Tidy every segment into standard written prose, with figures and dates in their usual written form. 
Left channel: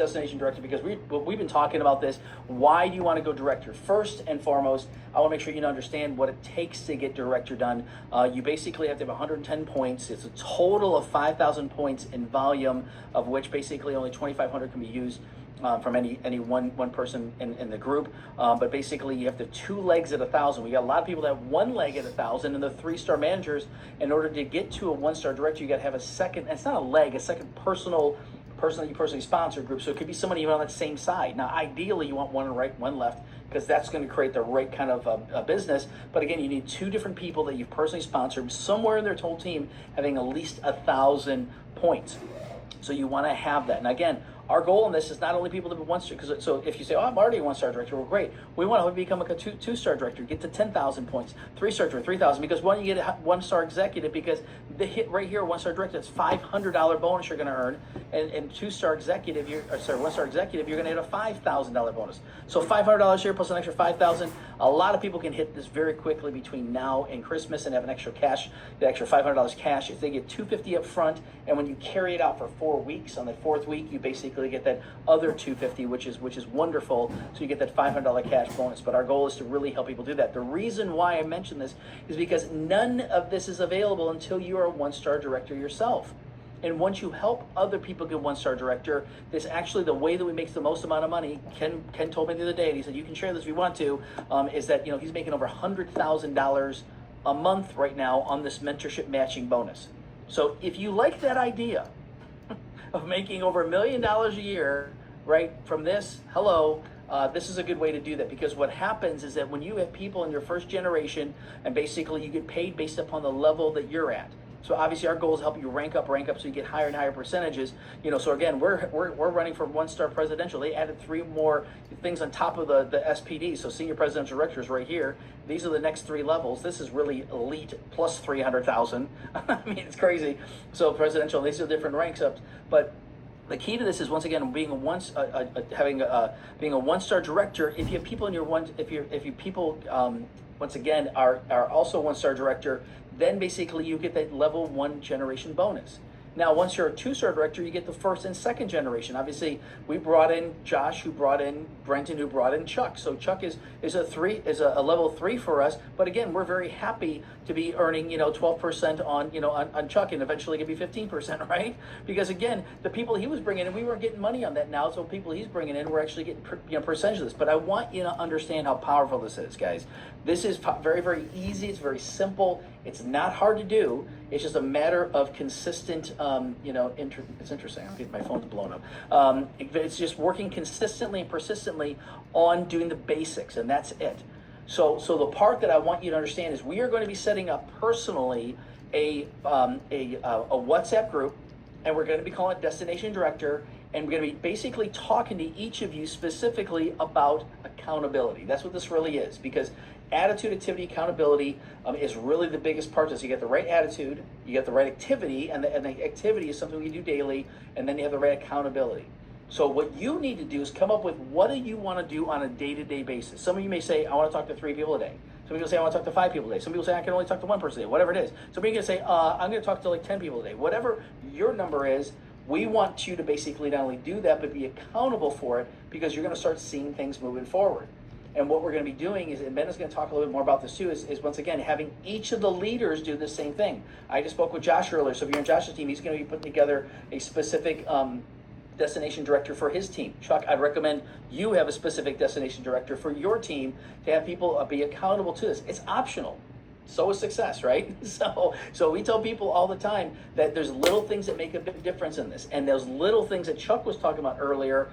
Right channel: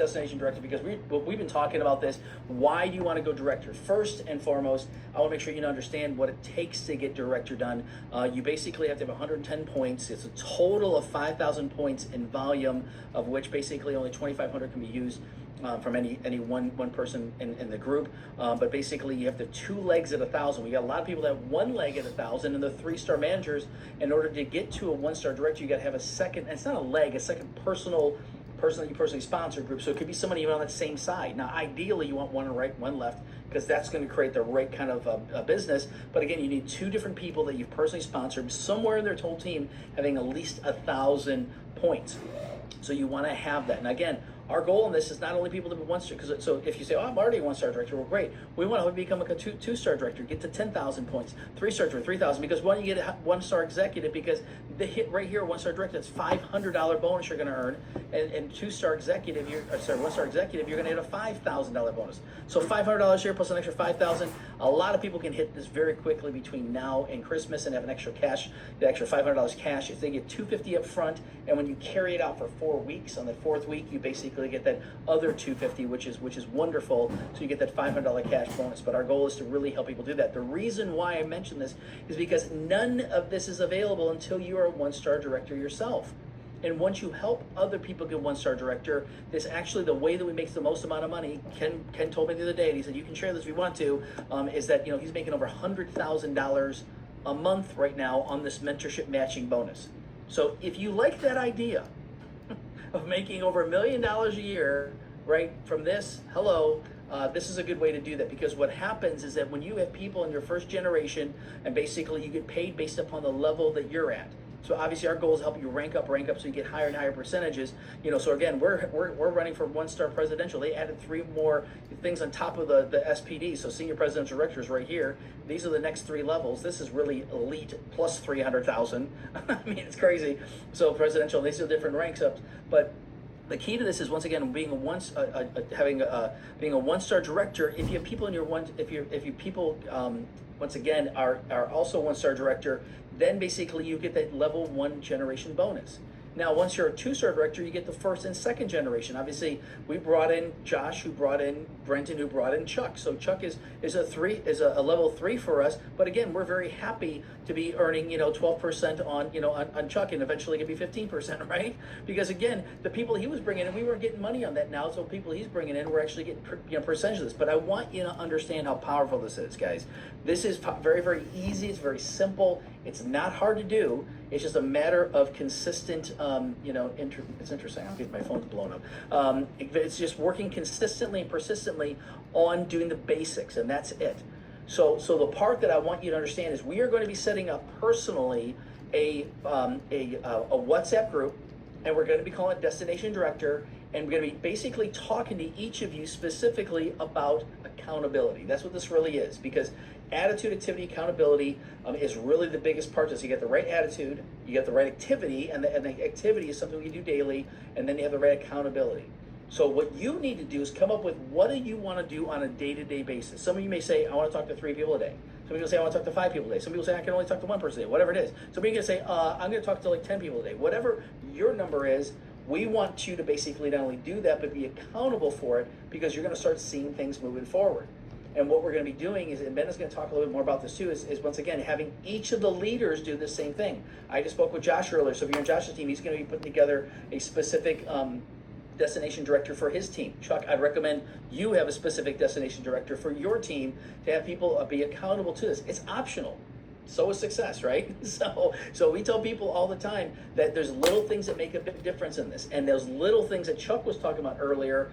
destination director, because we've been talking about this. Why do you want to go director? First and foremost, I want to make sure you understand what it takes to get director done. You basically have to have 110 points. It's a total of 5,000 points in volume, of which basically only 2,500 can be used from any one person in the group. But basically you have the 2 legs at 1,000. We got a lot of people that have 1 leg at 1,000, and the 3-star managers, in order to get to a 1-star director, you got to have a second, and it's not a leg, a second person that you personally sponsor group. So it could be somebody even on that same side. Now, ideally, you want 1 right, 1 left, because that's going to create the right kind of business. But again, you need 2 different people that you've personally sponsored, somewhere in their whole team having at least 1,000 points. So you want to have that. And again, our goal in this is not only people to be 1-star, because so if you say, oh, I'm already a 1-star director, well, great. We want to become like a 2-star director, get to 10,000 points, 3-star director, 3,000, because when you get a 1-star executive, because the hit right here, 1-star director, it's $500 bonus you're going to earn, and 2-star executive, 1-star executive, you're going to get a $5,000 bonus. So $500 here plus an extra $5,000. A lot of people can hit this very quickly between now and Christmas and have an extra cash, the extra $500 cash. If they get $250 up front, and when you carry it out for 4 weeks, on the 4th week, you basically get that other $250, which is wonderful. So you get that $500 cash bonus. But our goal is to really help people do that. The reason why I mention this is because none of this is available until you are a 1-star director yourself. And once you help other people get 1-star director, this actually the way that we make the most amount of money. Ken told me the other day, and he said you can share this if you want to. Is that he's making over $100,000 a month right now on this mentorship matching bonus. So if you like that idea of making over $1 million a year, right, from this, this is a good way to do that, because what happens is that when you have people in your first generation, and basically you get paid based upon the level that you're at. So obviously our goal is to help you rank up so you get higher and higher percentages. So again, we're running for 1-star presidential. They added 3 more things on top of the SPD. So senior presidential directors right here. These are the next 3 levels. This is really elite plus 300,000. I mean, it's crazy. So presidential, these are different ranks up, but the key to this is, once again, being a 1-star director. If you have people in your if you people once again are also 1-star director, then basically you get that level 1 generation bonus. Now, once you're a 2-star director, you get the 1st and 2nd generation. Obviously, we brought in Josh, who brought in Brenton, who brought in Chuck. So Chuck is a level 3 for us. But again, we're very happy to be earning 12% on Chuck, and eventually it could be 15%, right? Because again, the people he was bringing in, we weren't getting money on that now. So people he's bringing in, we're actually getting percentage of this. But I want you to understand how powerful this is, guys. This is very, very easy. It's very simple. It's not hard to do. It's just a matter of consistent, it's interesting. I'm getting my phone's blown up. It's just working consistently and persistently on doing the basics, and that's it. So the part that I want you to understand is we are going to be setting up personally a WhatsApp group, and we're going to be calling it Destination Director, and we're going to be basically talking to each of you specifically about accountability. That's what this really is, because attitude, activity, accountability is really the biggest part. Is you get the right attitude, you get the right activity, and the activity is something you do daily, and then you have the right accountability. So what you need to do is come up with, what do you want to do on a day-to-day basis? Some of you may say, I want to talk to 3 people a day. Some people say, I want to talk to 5 people a day. Some people say, I can only talk to 1 person a day, whatever it is. Some people can say, I'm going to talk to like 10 people a day. Whatever your number is, we want you to basically not only do that, but be accountable for it, because you're going to start seeing things moving forward. And what we're going to be doing is, and Ben is going to talk a little bit more about this too, is once again, having each of the leaders do the same thing. I just spoke with Josh earlier, so if you're on Josh's team, he's going to be putting together a specific destination director for his team. Chuck, I'd recommend you have a specific destination director for your team to have people be accountable to this. It's optional. So is success, right? So we tell people all the time that there's little things that make a big difference in this. And those little things that Chuck was talking about earlier,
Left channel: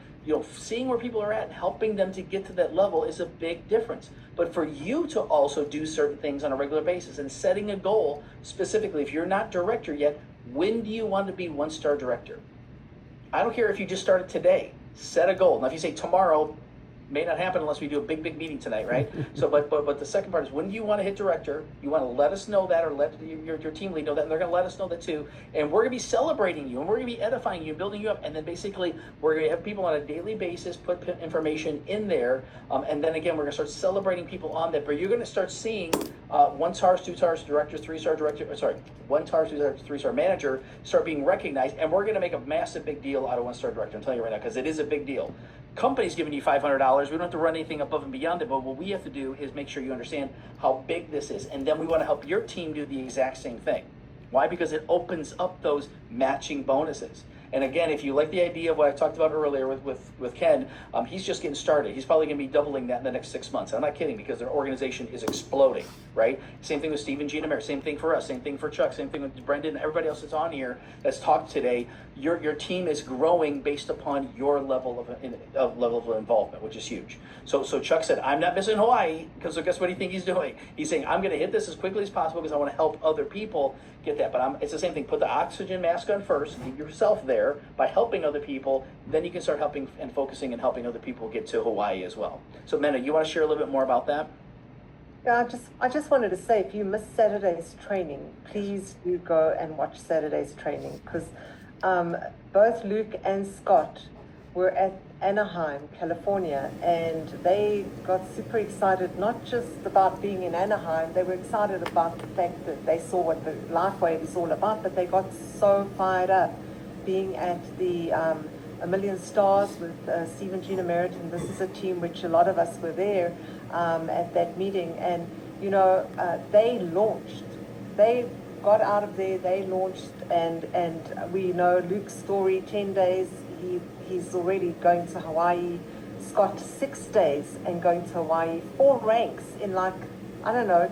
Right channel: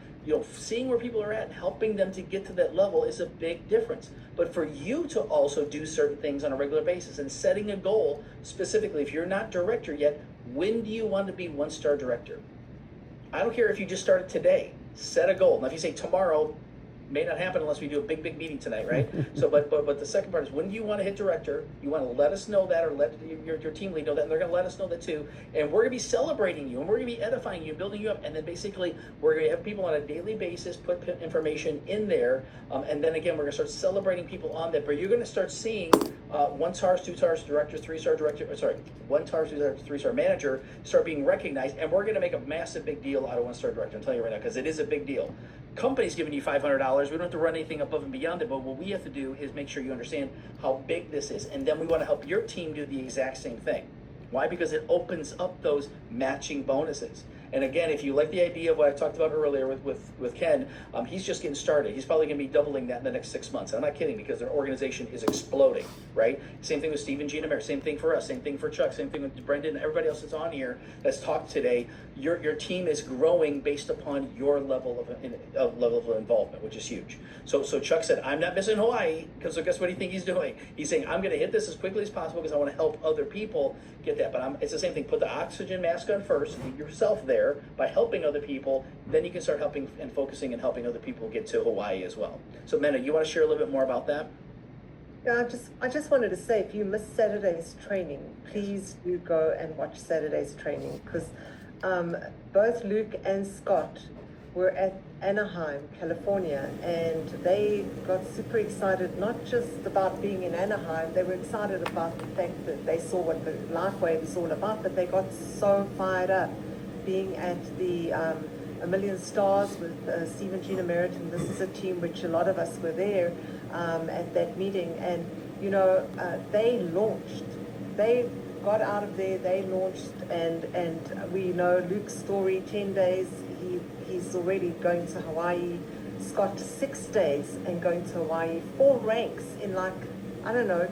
seeing where people are at and helping them to get to that level is a big difference. But for you to also do certain things on a regular basis and setting a goal specifically, if you're not director yet, when do you want to be 1-star director? I don't care if you just started today. Set a goal. Now, if you say tomorrow, may not happen unless we do a big meeting tonight, right? So, but the second part is, when do you want to hit director? You want to let us know that, or let your team lead know that, and they're going to let us know that too. And we're going to be celebrating you, and we're going to be edifying you, building you up, and then basically we're going to have people on a daily basis put information in there, and then again we're going to start celebrating people on that. But you're going to start seeing 1 stars, 2 stars director, 3-star director. Sorry, 1 star, 2 star, 3-star manager start being recognized, and we're going to make a massive big deal out of 1-star director. I'm telling you right now, because it is a big deal. Company's giving you $500. We don't have to run anything above and beyond it, but what we have to do is make sure you understand how big this is, and then we want to help your team do the exact same thing. Why? Because it opens up those matching bonuses. And again, if you like the idea of what I talked about earlier with Ken, he's just getting started. He's probably going to be doubling that in the next 6 months. I'm not kidding, because their organization is exploding, right? Same thing with Steve and Gina Mayer. Same thing for us. Same thing for Chuck. Same thing with Brendan and everybody else that's on here that's talked today. Your team is growing based upon your level of involvement, which is huge. So Chuck said, I'm not missing Hawaii, because so guess what do you think he's doing? He's saying, I'm going to hit this as quickly as possible because I want to help other people get that. But it's the same thing. Put the oxygen mask on first, get yourself there by helping other people, then you can start helping and focusing and helping other people get to Hawaii as well. So Mena, you want to share a little bit more about that? Yeah, I just wanted to say, if you missed Saturday's training, please do go and watch Saturday's training, because both Luke and Scott were at Anaheim, California, and they got super excited, not just about being in Anaheim, they were excited about the fact that they saw what the LifeWave is all about, but they got so fired up being at the A Million Stars with Steve and Gina Meriton. This is a team which a lot of us were there at that meeting, and you know, they got out of there, they launched, and we know Luke's story, 10 days, he's already going to Hawaii. Scott, 6 days and going to Hawaii, 4 ranks in like, I don't know,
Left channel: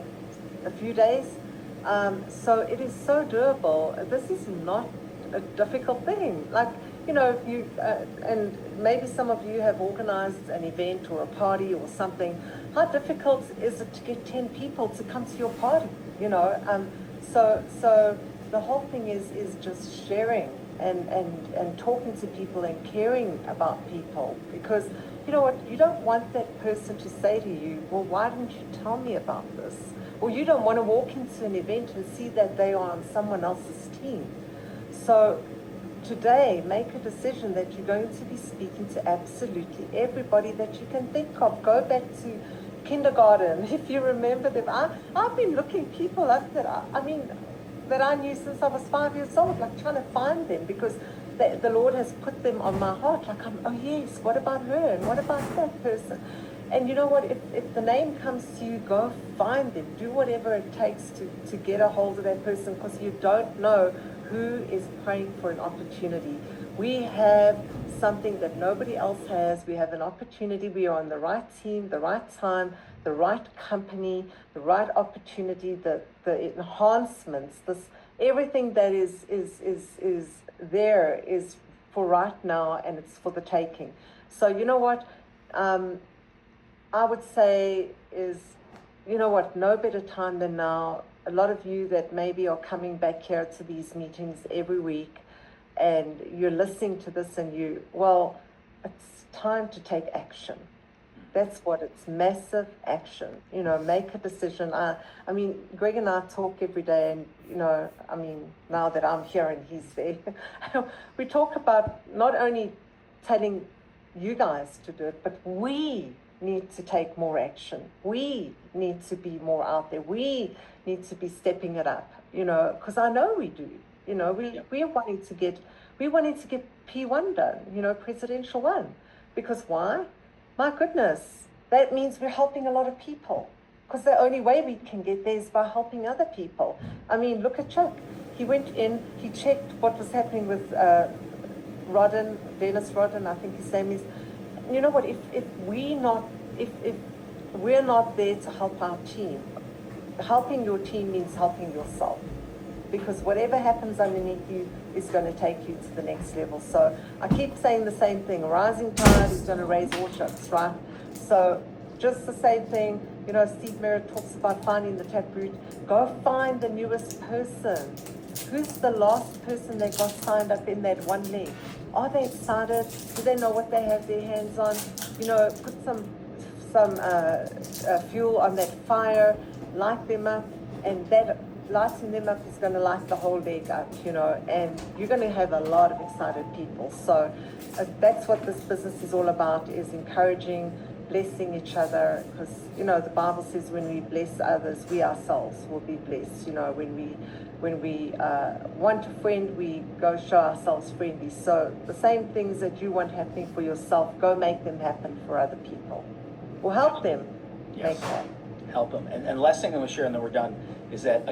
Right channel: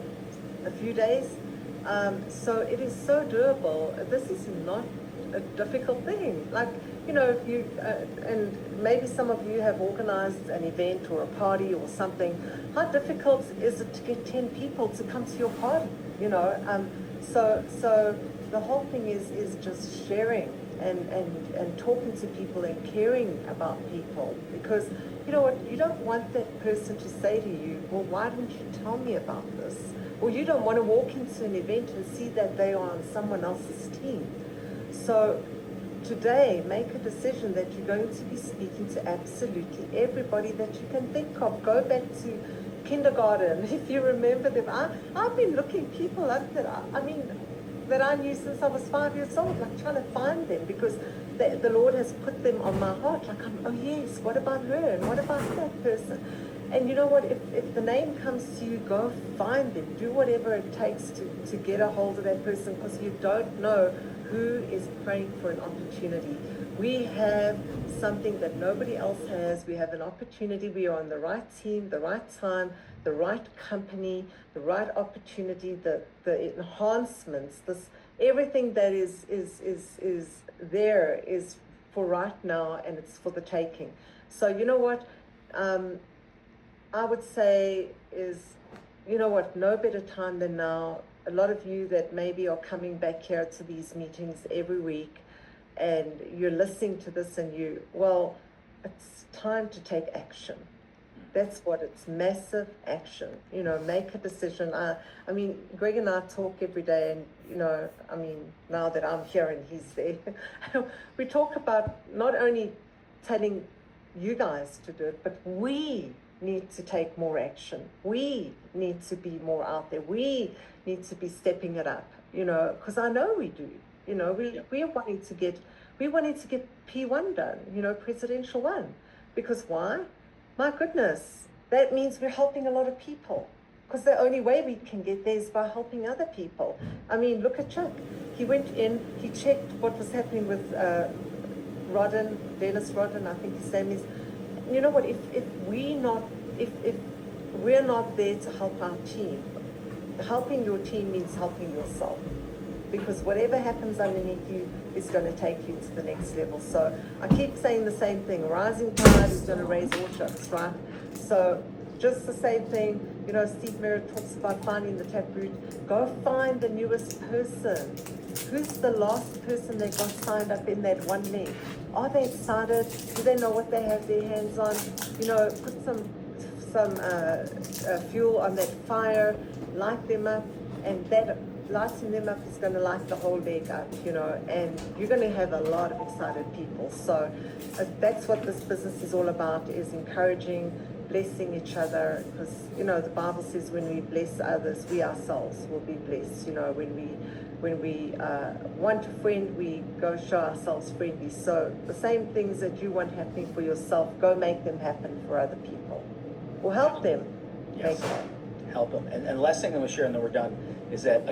a few days. So it is so doable. This is not a difficult thing. Like, you know, if you and maybe some of you have organized an event or a party or something, how difficult is it to get 10 people to come to your party, you know? So the whole thing is just sharing and talking to people and caring about people, because you know what, you don't want that person to say to you, well, why didn't you tell me about this? Or you don't want to walk into an event and see that they are on someone else's team. So today, make a decision that you're going to be speaking to absolutely everybody that you can think of. Go back to kindergarten, if you remember them. I've been looking people up that I knew since I was 5 years old, like trying to find them, because the Lord has put them on my heart. Like, oh yes, what about her? And what about that person? And you know what, if the name comes to you, go find them. Do whatever it takes to get a hold of that person, because you don't know who is praying for an opportunity. We have something that nobody else has. We have an opportunity. We are on the right team, the right time, the right company, the right opportunity, the enhancements, everything that is there is for right now, and it's for the taking. So you know what, I would say is, you know what, no better time than now. A lot of you that maybe are coming back here to these meetings every week, and you're listening to this, and it's time to take action. That's what it's, massive action. You know, make a decision. I mean, Greg and I talk every day, and you know, I mean, now that I'm here and he's there, we talk about not only telling you guys to do it, but we need to take more action. We need to be more out there. We need to be stepping it up, you know, because I know we do. You know, we're wanting to get P1 done, you know, Presidential 1. Because why? My goodness, that means we're helping a lot of people. Because the only way we can get there is by helping other people. I mean, look at Chuck. He went in, he checked what was happening with Dennis Rodden, I think his name is. You know what, if we're not there to help our team, helping your team means helping yourself, because whatever happens underneath you is going to take you to the next level. So I keep saying the same thing, a rising tide is going to raise all ships, right? So just the same thing, you know, Steve Merritt talks about finding the taproot. Go find the newest person. Who's the last person that got signed up in that one link? Are they excited? Do they know what they have their hands on? You know, put some fuel on that fire, light them up, and that lighting them up is going to light the whole leg up, you know, and you're going to have a lot of excited people. So that's what this business is all about, is encouraging, blessing each other, because, you know, the Bible says when we bless others, we ourselves will be blessed. You know, when we want a friend, we go show ourselves friendly. So the same things that you want happening for yourself, go make them happen for other people, or help them make that. Help them. And last thing I'm going to share, and then we're done, is that